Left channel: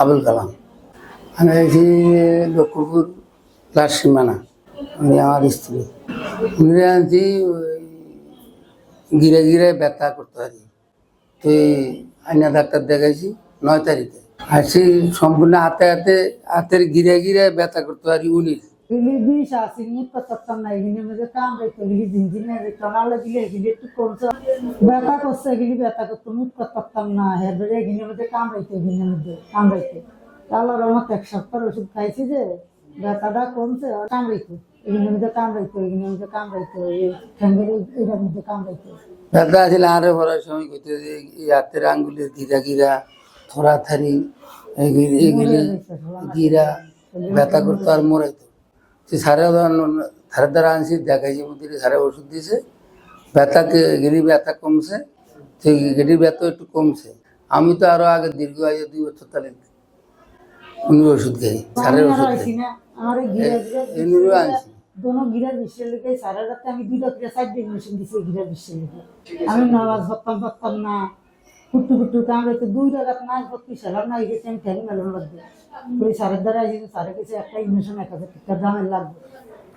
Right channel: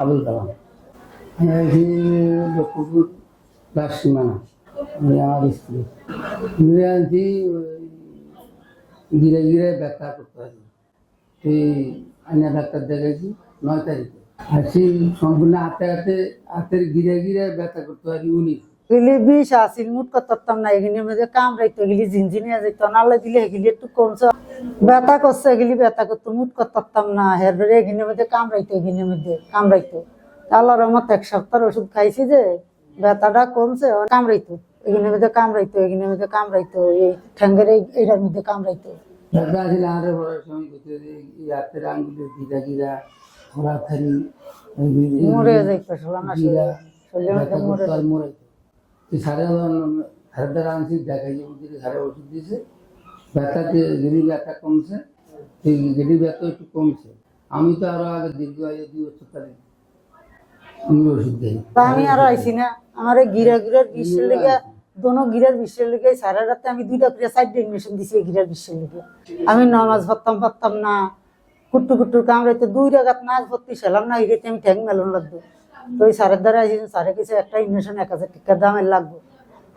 আবুল কালাম। আমি আছি লক্ষ্মীপুর লাল সীমানা উনি আমার স্ত্রী। উনি আনছি গিরে গিরে ব্যথা করতে পারি। তুই আইনা ডাক্তার দেখাইছি নয় তারিখে। আর সেই সম্পূর্ণ হাতে হাতে, হাতের গিরে গিরে ব্যথা করতে পারি উনিশ। গিলি বিষ আছিল মুট করতাম না এগুলি মধ্যে কামড়াইতো গিলি ঝিনঝিনিয়া যেত নালে দিলে এগুলি একটু কমছে। ব্যথা করছে এগুলি ব্যথা করতো মুট করতাম না হের ধরে এগুলির মধ্যে কামড়াইতো এগুলির মধ্যে কামড়াইতো আল্লাহর রহমত এক সপ্তাহ ওষুধ খাইছি যে ব্যথাটা কমছে কামড়াইতো এগুলির মধ্যে কামড়াইতো এগুলির মধ্যে কামড়াইতো এই ঠ্যাঙ্গের এই- এইটার মধ্যে কামড়াইতো ব্যথা আসলে আরে ভরার সময় করতে যে এই হাতের আঙ্গুলের গিরা গিরা থরা থারি গিরা ব্যথা করতো আর মরাইতো সারে সারে দ্বারা আনছি দেখাইছি মধ্যে সারে ওষুধ দিয়েছে ব্যথাকে গিরি ব্যথা কমছে সেই গিরির ব্যথা একটু কমছে। আমি তো আরও আগে দীর্ঘ আয়ু দুই বছর তাহলে উনি ওষুধ খাই আমার গিরা। দোনো গিরার বিশ্বের লিগে সারা রাতে আমি দুইটা করে সাইড ইঞ্জেকশন দিছি এই গিরার বিশ্বের লিগে। আমি নামাজ পড়তাম পড়তাম না। কুট্টু কুট্টু কামড়াইতে দুই জায়গাত নাচ ভর্তি ছিলাম না এই আমি ঠ্যাং মেলন লাগবে। তো ওই সারের দ্বারা আইসি সারে কিছু একটা ইঞ্জেকশন এক হাজার টাকার দামের লাগবে।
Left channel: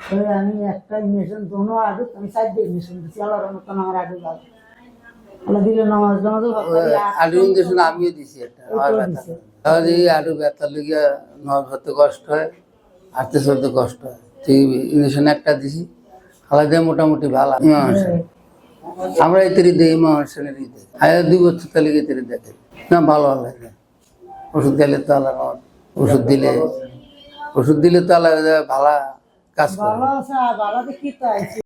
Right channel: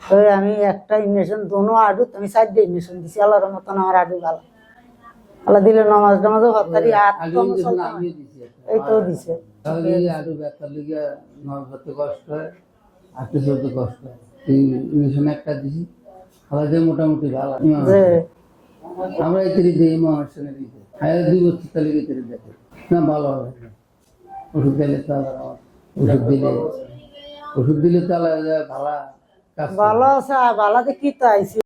তো আমি একটা ইঞ্জেকশন দোনো আডুত আমি সাইড দিয়ে ইঞ্জেকশন দিছি আল্লাহর মতন আমার আডু ভালো। আল্লাহ দিলে নামাজ নামাজও ভাবতারি আলু ইঞ্জেকশন আমিও দিছি একটা এইটাও। দিছে। তাহলে এই আলু ব্যথা লেগে ধরতে কষ্ট হয় হাঁটতে চলতে কষ্ট হয়। তুই ইঞ্জেকশন একটা দিছি আলাদা মোটামুটি ভালো। আমরা এই তরি দিই মানুষের দিতে আগে দুই। বছর তাহলে এই দেখে। না ভালো ভালো লাগে ওষুধ দিলে তো আলাদা ওষুধ দিলে। ওষুধ দিলে তাহলে ভালো কাজ ভালো আছে ভালো কি তো আইছি